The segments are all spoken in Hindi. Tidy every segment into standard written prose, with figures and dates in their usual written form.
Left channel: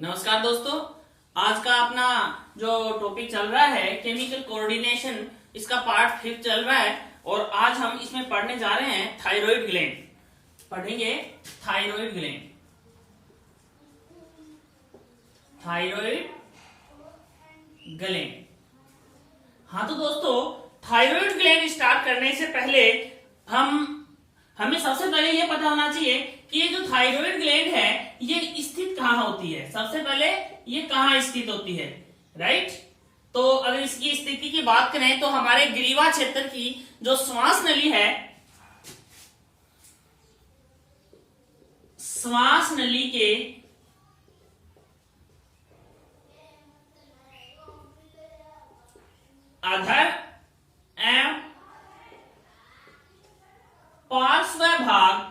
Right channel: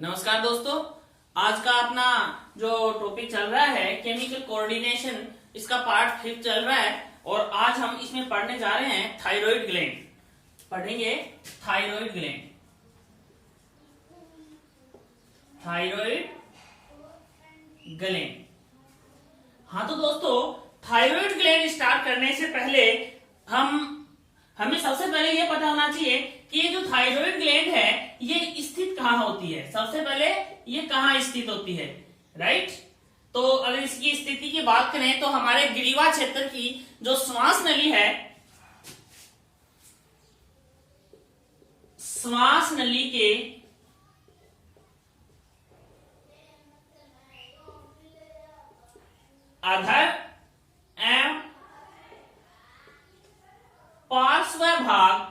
नमस्कार दोस्तों। आज का अपना जो टॉपिक चल रहा है केमिकल कोऑर्डिनेशन, इसका पार्ट 5 चल रहा है और आज हम इसमें पढ़ने जा रहे हैं थायराइड ग्लैंड। पढ़ेंगे थायराइड ग्लैंड। Thyroid gland. हाँ तो दोस्तों, थायराइड ग्लैंड स्टार्ट करने से पहले हमें सबसे पहले यह पता होना चाहिए कि ये जो थायराइड ग्लैंड है ये स्थित कहाँ होती है। सबसे पहले ये कहाँ स्थित होती है, राइट। तो अगर इसकी स्थिति की बात करें तो हमारे ग्रीवा क्षेत्र की जो श्वास नली है, श्वास नली के अधर एवं पार्श्व भाग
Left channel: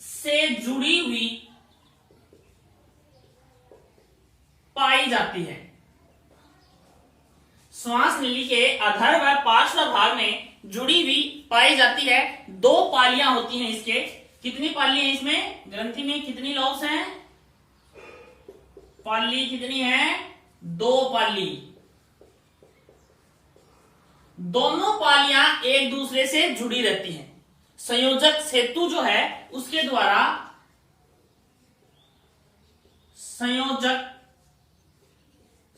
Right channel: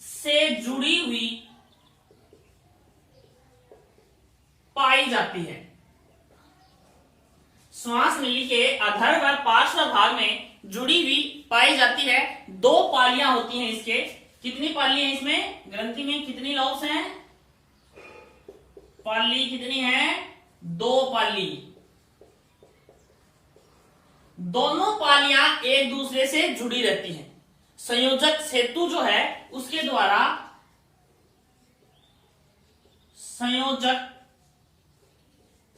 से जुड़ी हुई पाई जाती है। श्वास नली के अधर व पार्श्व भाग में जुड़ी हुई पाई जाती है। दो पालियां होती हैं इसके। कितनी पाली है इसमें? ग्रंथि में कितनी लॉब्स हैं? पाली कितनी है? दो पाली। दोनों पालियां एक दूसरे से जुड़ी रहती हैं। संयोजक सेतु जो है उसके द्वारा, संयोजक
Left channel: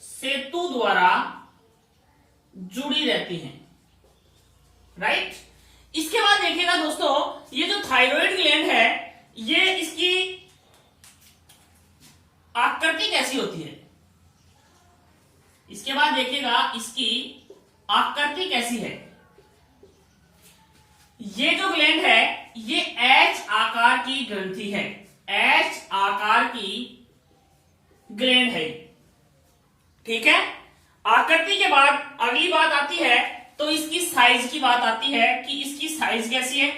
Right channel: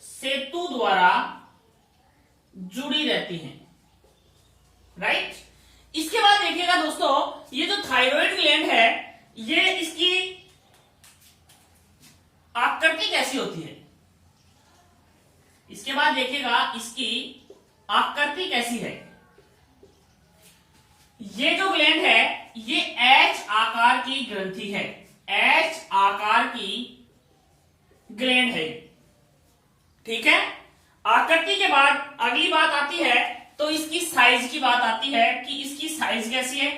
सेतु द्वारा जुड़ी रहती हैं, राइट। इसके बाद देखिएगा दोस्तों, ये जो थायराइड ग्लैंड है ये इसकी आकृति कैसी होती है। इसके बाद देखिएगा इसकी आकृति कैसी है। ये जो ग्लैंड है ये एच आकार की ग्रंथि है। एच आकार की ग्लैंड है, ठीक है। आकृति के बाद अगली बात आती है तो इसकी साइज की बात आती है कि इसकी साइज कैसी है।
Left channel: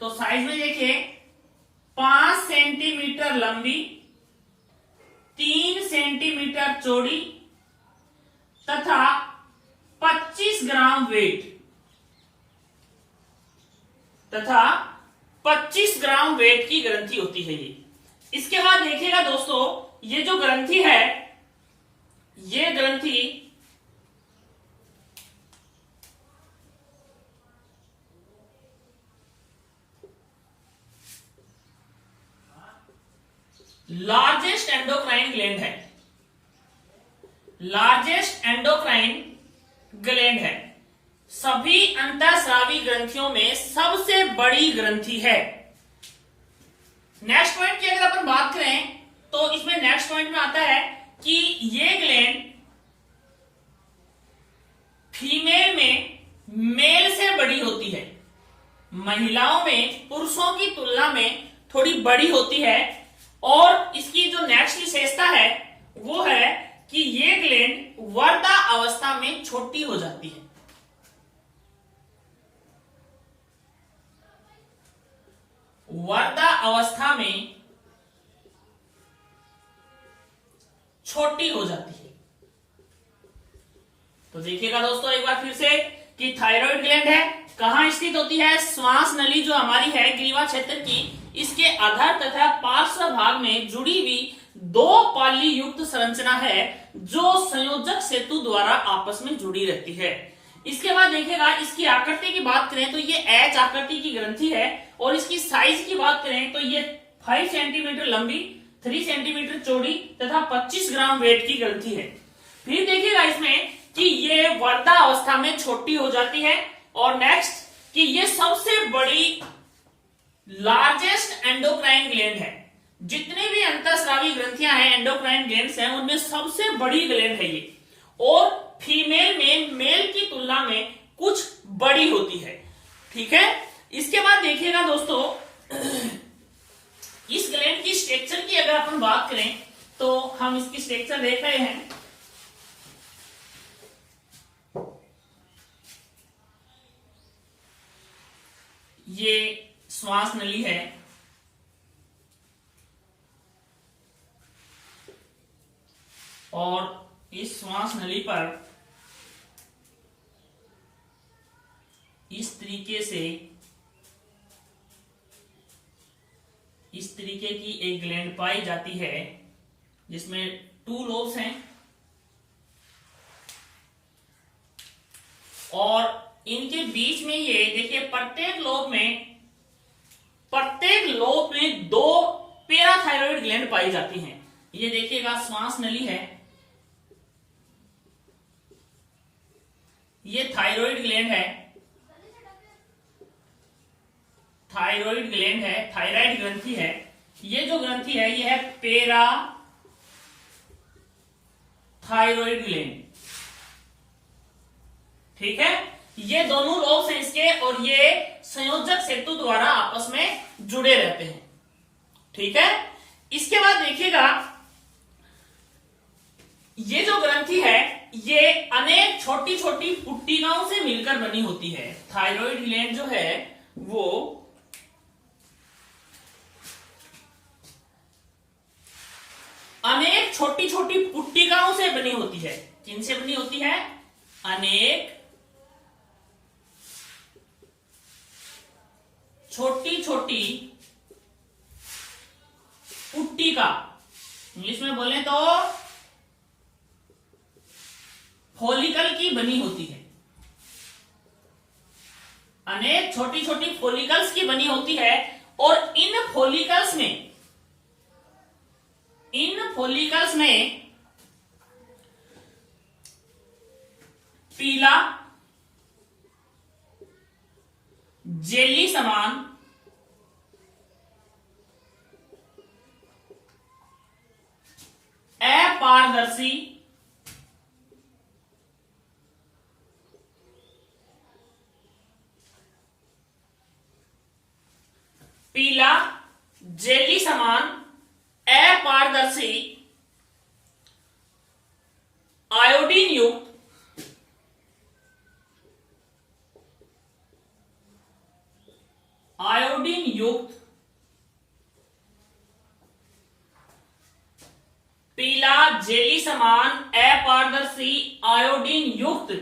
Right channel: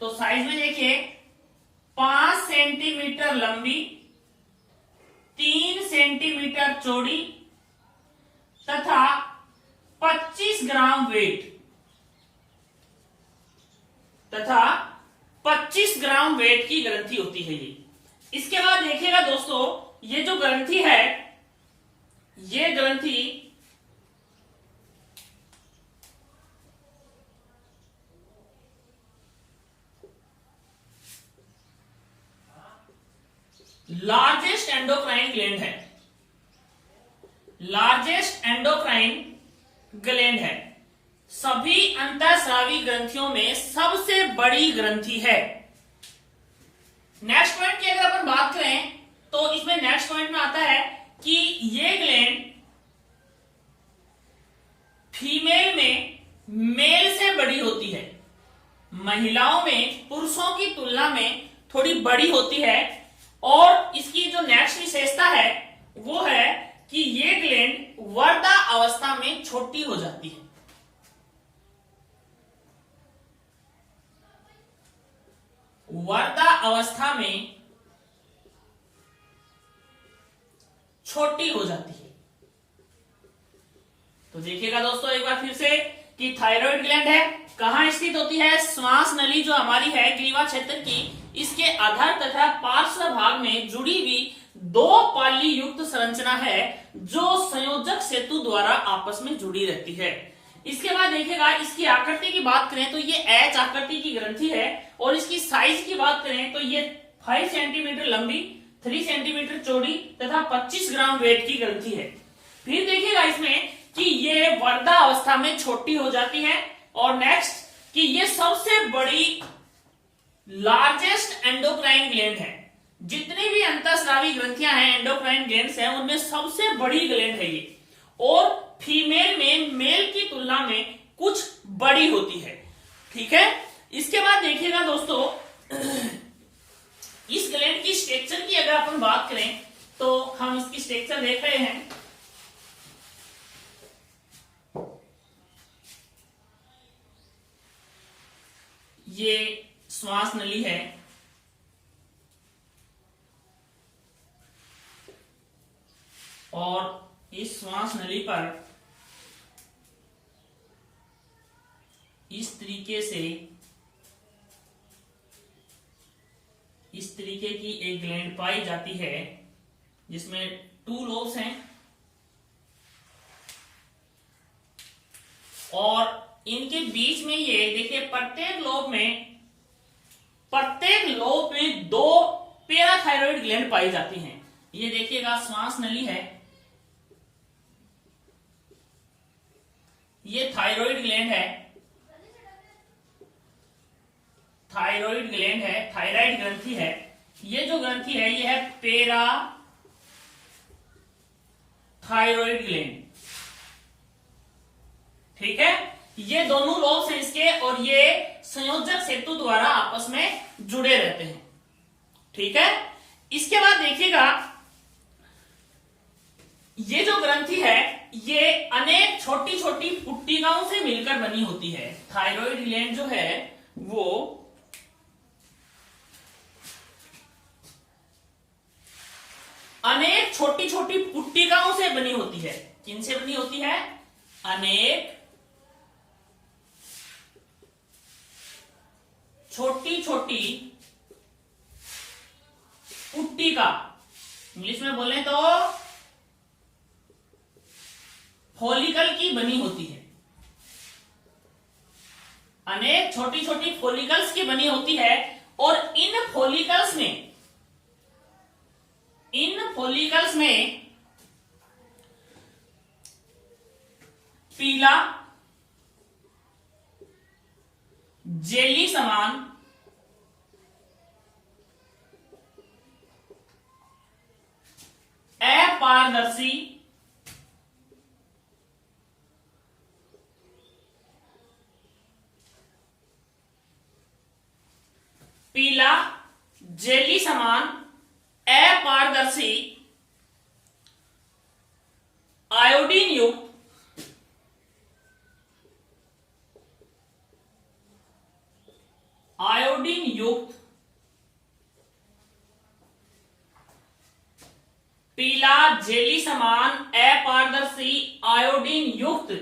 तो साइज में देखिए 5 सेंटीमीटर लंबी, 3 सेंटीमीटर चौड़ी तथा 25 ग्राम वेट की ग्रंथि होती है ये। इसके बाद देखिएगा दोस्तों, ये जो ग्रंथि है ये ग्रंथि लार्जेस्ट एंडोक्राइन ग्लैंड है। लार्जेस्ट एंडोक्राइन ग्लैंड है। सभी अंतःस्रावी ग्रंथियों में सबसे बड़ी ग्रंथि है। नेक्स्ट पॉइंट की अगर अपन बात करें तो इसमें नेक्स्ट पॉइंट में आता है कि ये ग्लैंड फीमेल में मेल से बड़ी होती है। महिलाओं में पुरुषों की तुलना में थोड़ी बड़ी होती है। और इसकी जो नेक्स्ट विशेषता है वो है कि ये ग्लैंड वर्दा अवस्था में छोटी हो जाती है। वर्दा अवस्था में छोटी हो जाती है। तो देखिएगा दोस्तों एक बार फिर से कि थायराइड ग्लैंड है, कहां स्थित होती है? श्वास नली जो हमारी है ग्रीवा क्षेत्र की, इसके अधर तथा पार्श्व भाग में जुड़ी हुई दो पाली युक्त संरचना है जो संयोजक सेतु द्वारा आपस में जुड़ी रहती है। इसके बाद देखिएगा इसकी आकृति की बात करें तो ये एच आकृति की ग्रंथि है और इसकी साइज की बात करें तो ये 5 सेंटीमीटर लंबी, 3 सेंटीमीटर चौड़ी तथा 25 ग्राम वेट की ग्रंथि है। फिर देखिएगा इसमें कि ये वर्दा अवस्था में छोटी हो जाती है। और नेक्स्ट कि ये सबसे बड़ी लार्जेस्ट एंडोक्राइन ग्लैंड है। जितनी भी अंतःस्रावी ग्रंथियां हैं, एंडोक्राइन ग्लैंड्स हैं, उनमें सबसे बड़ी ग्लैंड है ये। और फीमेल में मेल की तुलना में कुछ बड़ी होती है, ठीक है। इसके बाद देखिएगा दोस्तों, इस ग्लैंड की स्ट्रक्चर की अगर अपन बात करें तो हम इसकी स्ट्रक्चर देख रहे हैं। ये श्वास नली है और इस श्वास नली पर इस तरीके की एक ग्लैंड पाई जाती है जिसमें 2 लोब्स हैं और इनके बीच में ये देखिए प्रत्येक लोब में 2 पैराथायरॉइड ग्लैंड पाई जाती हैं। ये देखिएगा श्वास नली है, ये थायराइड ग्लैंड है, थायराइड ग्रंथि है। ये जो ग्रंथि है ये है पैराथायरॉइड ग्लैंड, ठीक है। ये दोनों लोब्स हैं इसके और ये संयोजक सेतु द्वारा आपस में जुड़े रहते हैं, ठीक है। इसके बाद देखिएगा ये जो ग्रंथि है ये अनेक छोटी छोटी पुट्टिकाओं से मिलकर बनी होती है। थायराइड ग्लैंड जो है वो अनेक छोटी छोटी पुट्टिकाओं से बनी होती है। किनसे बनी होती है? अनेक छोटी छोटी पुट्टिका, इंग्लिश में बोले तो फॉलिकल की बनी होती है। अनेक छोटी छोटी फॉलिकल्स की बनी होती है और इन फॉलिकल्स में पीला जेली समान अपारदर्शी पीला जेली समान अपारदर्शी आयोडीन युक्त पीला जेली समान अपारदर्शी आयोडीन युक्त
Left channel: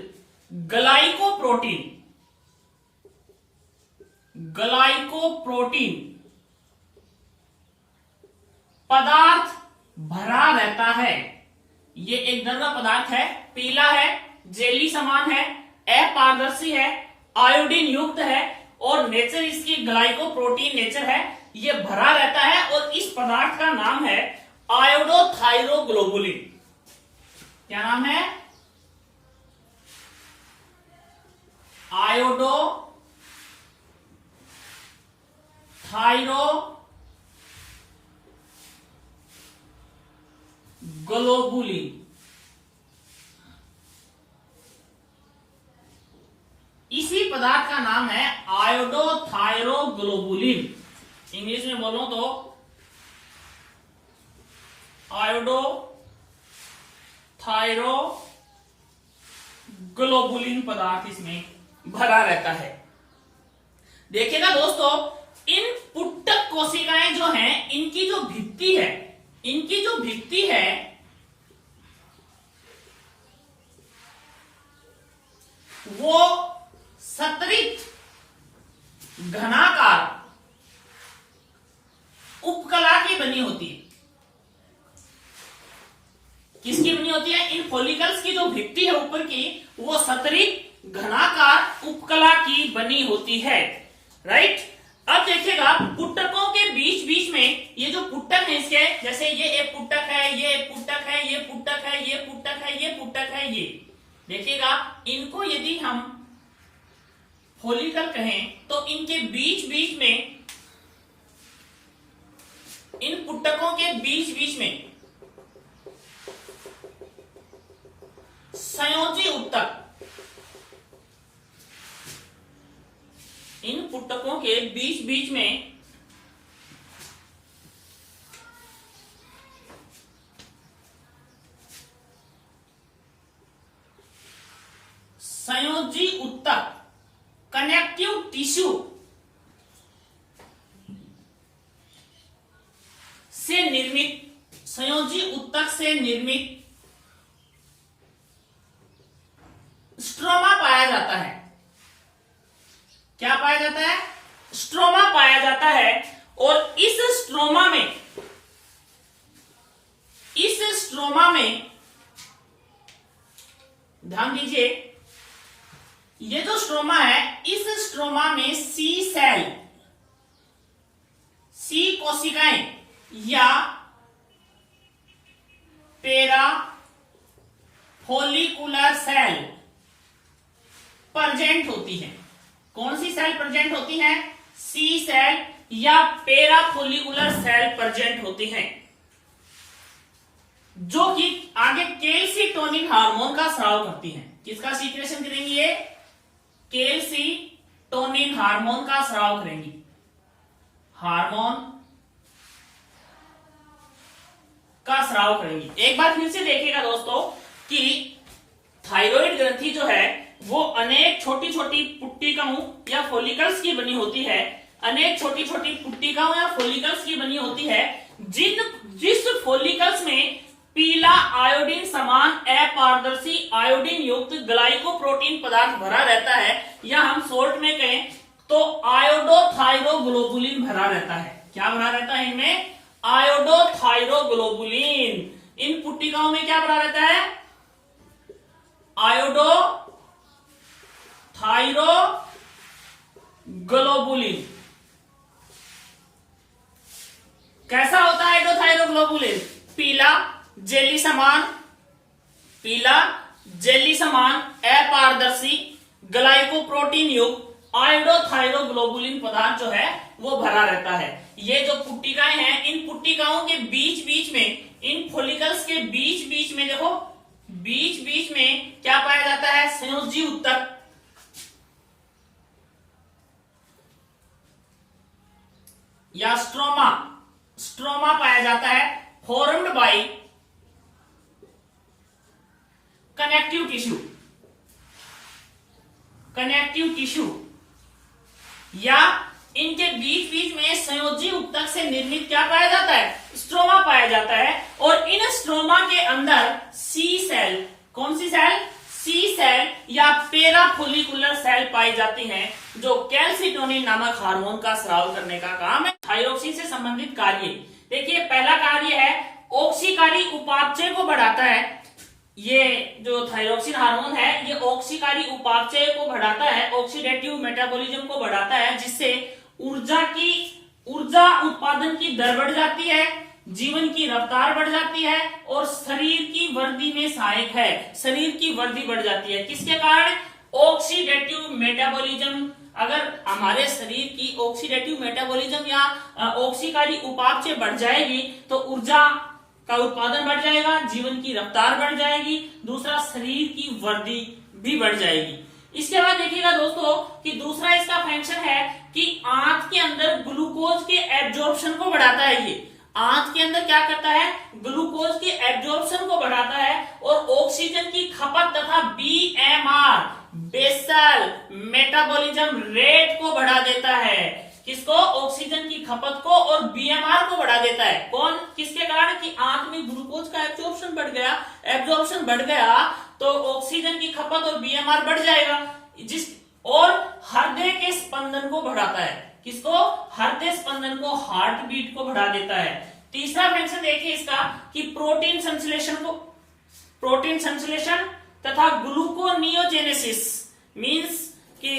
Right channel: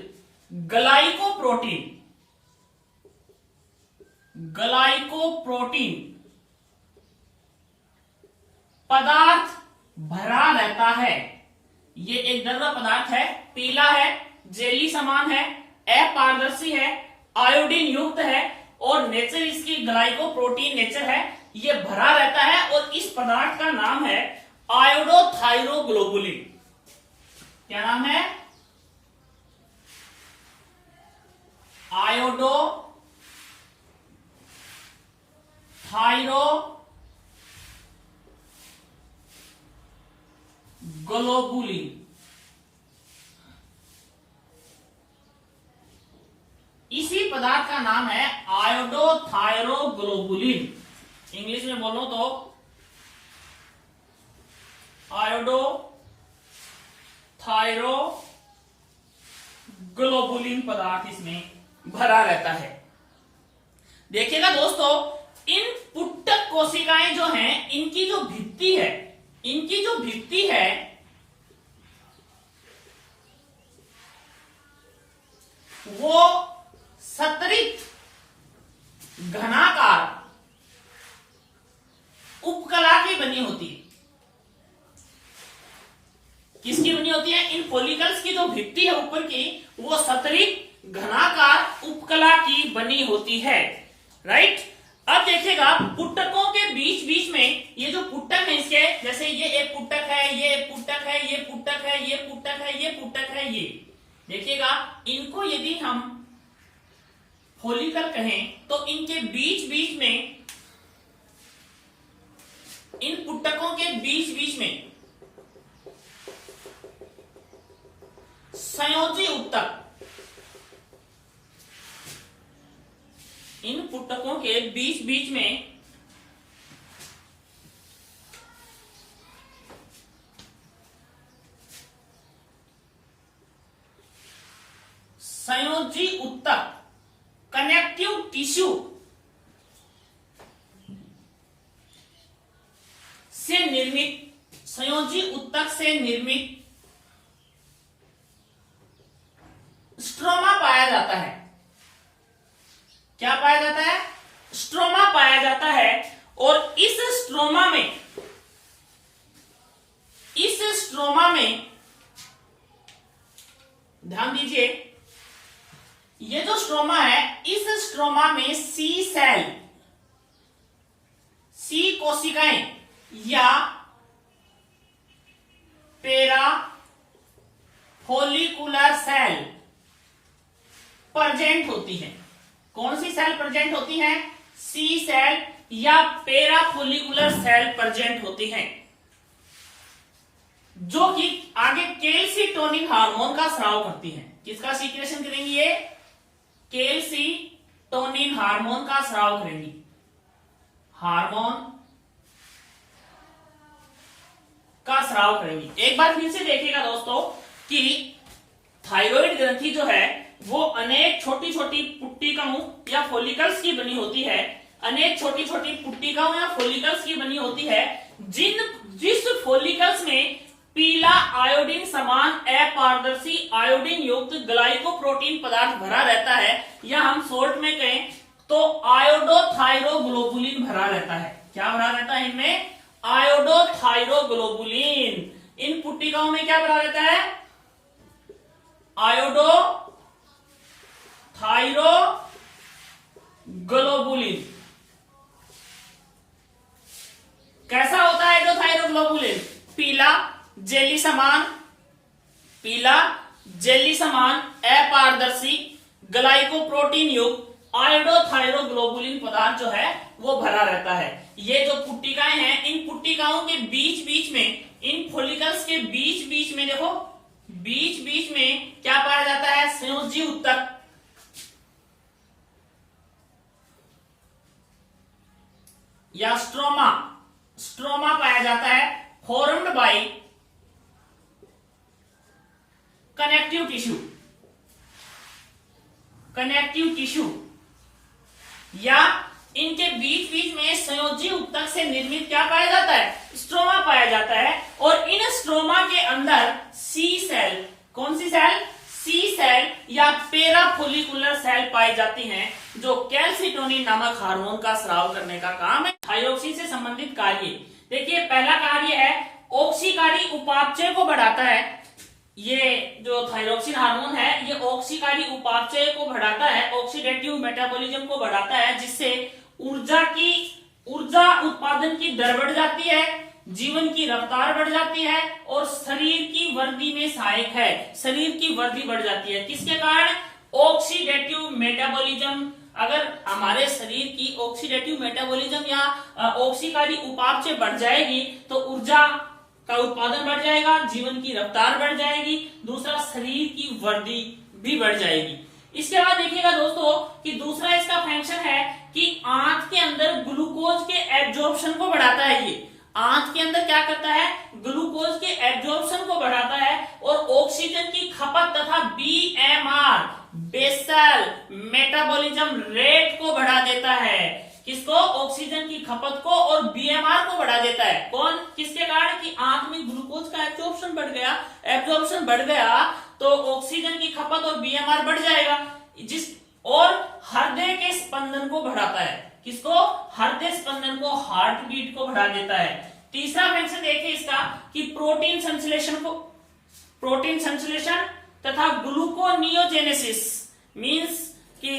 ग्लाइकोप्रोटीन पदार्थ भरा रहता है। ये एक द्रव पदार्थ है, पीला है, जेली समान है, अपारदर्शी है, आयोडीन युक्त है और नेचर इसकी ग्लाइकोप्रोटीन नेचर है। ये भरा रहता है और इस पदार्थ का नाम है आयोडोथायरोग्लोबुलिन। क्या नाम है? आयोडोथायरोग्लोबुलिन। इसी पदार्थ का नाम है आयोडोथायरोग्लोबुलिन। इंग्लिश में बोलो तो आयोडोथायरोग्लोबुलिन पदार्थ इसमें भरा रहता है। देखिएगा दोस्तों, इन पुट्टक कोशिकाएं जो हैं, इनकी जो भित्ति है वो सतरित घनाकार उपकला की बनी होती है। किसकी बनी होती है? इन फॉलिकल्स की जो भित्ति है ऊपर की वो सतरित घनाकार उपकला की बनी होती है, राइट। अब देखिएगा पुट्टकों के बीच बीच में ये जो पुट्टक है इसके, जैसे ये एक पुट्टक है, ये एक पुट्टक है, ये पुट्टक है, ये पुट्टक है, ये पुट्टक है, ये देखिएगा, इनको यदि हम फॉलिकल कहें तो इनके बीच बीच में, इन पुट्टकों के बीच बीच में संयोजी उत्तक, इन पुट्टकों के बीच बीच में संयोजी उत्तक कनेक्टिव टिश्यू से निर्मित, संयोजी उत्तक से निर्मित स्ट्रोमा पाया जाता है। क्या पाया जाता है? स्ट्रोमा पाया जाता है। और इस स्ट्रोमा में ध्यान दीजिए, ये जो स्ट्रोमा है, इस स्ट्रोमा में सी कोशिकाएं या पेरा फोलिकुलर सेल प्रेजेंट होती है। कौन सी सेल प्रेजेंट होती है? सी सेल या पेरा फोलिकुलर सेल प्रेजेंट होती हैं, जो कि आगे कैल्सिटोनिन हार्मोन का स्राव करती हैं। किसका सीक्रेशन करेंगी? ये कैल्सिटोनिन हार्मोन का स्राव करेंगी। हार्मोन का स्राव करेंगी। एक बार फिर से देखिएगा दोस्तों कि थायराइड ग्रंथि जो है वो अनेक छोटी छोटी पुट्टिकाओं या फॉलिकल्स की बनी होती है। अनेक छोटी छोटी पुट्टिकाओं या फॉलिकल्स की बनी होती है, जिस फॉलिकल्स में पीला आयोडीन समान अपारदर्शी आयोडीन युक्त ग्लाइकोप्रोटीन पदार्थ भरा रहता है, या हम शॉर्ट में कहें तो आयोडोथायरोग्लोबुलिन भरा रहता है। क्या भरा रहता है इनमें? आयोडोथायरोग्लोबुलिन। इन पुट्टिकाओं में क्या भरा रहता है? आयोडोथायरोग्लोबुलिन। कैसा होता है आयोडोथायरोग्लोबुलिन? पीला जेली समान अपारदर्शी ग्लाइकोप्रोटीन युक्त आयोडोथायरोग्लोबुलिन पदार्थ जो है वो भरा रहता है। ये जो पुट्टिकाएं हैं, इन पुट्टिकाओं के बीच बीच में, इन फॉलिकल्स के बीच बीच में देखो, बीच बीच में क्या पाया जाता है? संयोजी ऊतक या स्ट्रोमा पाया जाता है, फॉर्म्ड बाय कनेक्टिव टिश्यू या इनके बीच बीच में संयोजी ऊतक से निर्मित क्या पाया जाता है? स्ट्रोमा पाया जाता है। और इन स्ट्रोमा के अंदर सी सेल, कौन सी सेल? सी सेल या पेराफोलिकुलर सेल पाई जाती हैं, जो कैल्सिटोनिन नामक हार्मोन का स्राव करने का काम है। थायरोक्सिन से संबंधित कार्य देखिए, पहला कार्य है ऑक्सीकारी उपापचय को बढ़ाता है। ये जो थायरोक्सिन हार्मोन है, ये ऑक्सीकारी उपापचय को बढ़ाता है, ऑक्सीडेटिव मेटाबॉलिज्म को बढ़ाता है, जिससे ऊर्जा उत्पादन की दर बढ़ जाती है, जीवन की रफ्तार बढ़ जाती है और शरीर की वृद्धि में सहायक है। शरीर की वृद्धि बढ़ जाती है किसके कारण? Oxidative metabolism. अगर हमारे शरीर की ऑक्सीडेटिव मेटाबॉलिज्म या ऑक्सीकारी उपापचय बढ़ जाएगी तो ऊर्जा का उत्पादन बढ़ जाएगा, जीवन की रफ्तार बढ़ जाएगी, दूसरा शरीर की वृद्धि भी बढ़ जाएगी। इसके बाद देखिएगा दोस्तों कि दूसरा इसका फंक्शन है कि आंत के अंदर ग्लूकोज के एब्जॉर्प्शन को बढ़ाता है। ये आंत के अंदर क्या करता है? ग्लूकोज के एब्जॉर्प्शन को बढ़ाता है और ऑक्सीजन की खपत तथा बीएमआर बेसल मेटाबॉलिज्म रेट को बढ़ा देता है। किसको? ऑक्सीजन की खपत को और बीएमआर को बढ़ा देता है। कौन? किसके कारण? कि आंत में ग्लूकोज का एब्जॉर्प्शन बढ़ गया तो ऑक्सीजन की खपत और बीएमआर बढ़ जाएगा, और हृदय के स्पंदन को बढ़ाता है। किसको? हृदय स्पंदन को, हार्ट बीट को बढ़ा देता है। तीसरा फंक्शन देखिए इसका कि प्रोटीन संश्लेषण तथा ग्लूकोनियोजेनेसिस मींस कि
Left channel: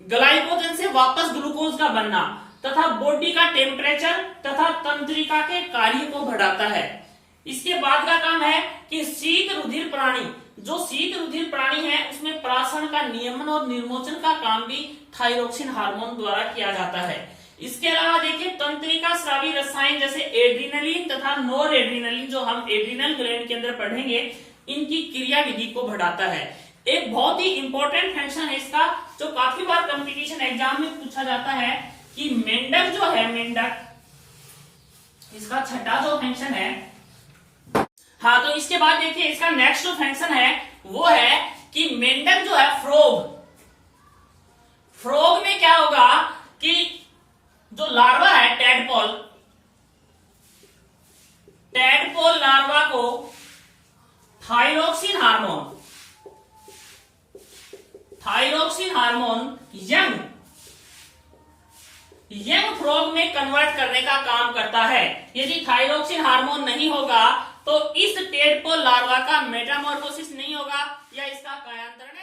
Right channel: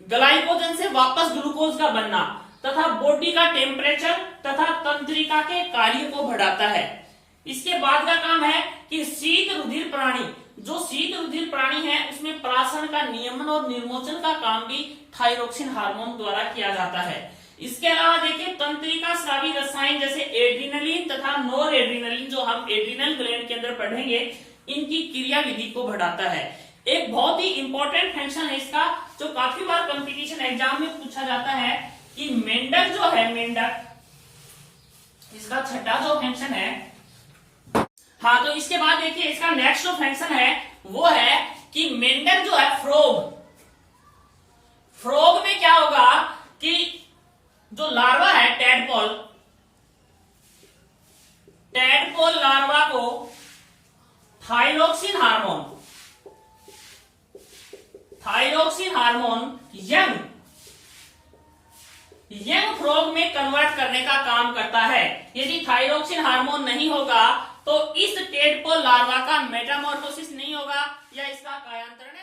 ग्लाइकोजन से वापस ग्लूकोज का बनना तथा बॉडी का टेम्परेचर तथा तंत्रिका के कार्य को बढ़ाता है। इसके बाद का काम है कि शीत रुधिर प्राणी है उसमें प्राशन का नियमन और निर्मोचन का काम भी थायरोक्सिन हार्मोन द्वारा किया जाता है। इसके अलावा देखिए तंत्रिका स्रावी रसायन जैसे एड्रीनलिन तथा नॉर एड्रीनलिन, जो हम एड्रीनल ग्लैंड के अंदर पढ़ेंगे, इनकी क्रियाविधि को बढ़ाता है। एक बहुत ही इंपॉर्टेंट फंक्शन है इसका, जो काफी बार कंपटीशन एग्जाम में पूछा जाता है कि मेंडक जो है, इसका छठा जो फंक्शन है। हाँ, तो इसके बाद देखिए इसका नेक्स्ट जो फंक्शन है वो है कि मेंडक जो है फ्रॉग में क्या होगा कि जो लार्वा है टैडपोल लार्वा को thyroxine hormone thyroxine hormone young frog में कन्वर्ट करने का काम करता है। यदि थायरोक्सिन हार्मोन नहीं होगा तो इस टेडपोल लार्वा का मेटामॉर्फोसिस नहीं होगा या इसका कायांतरण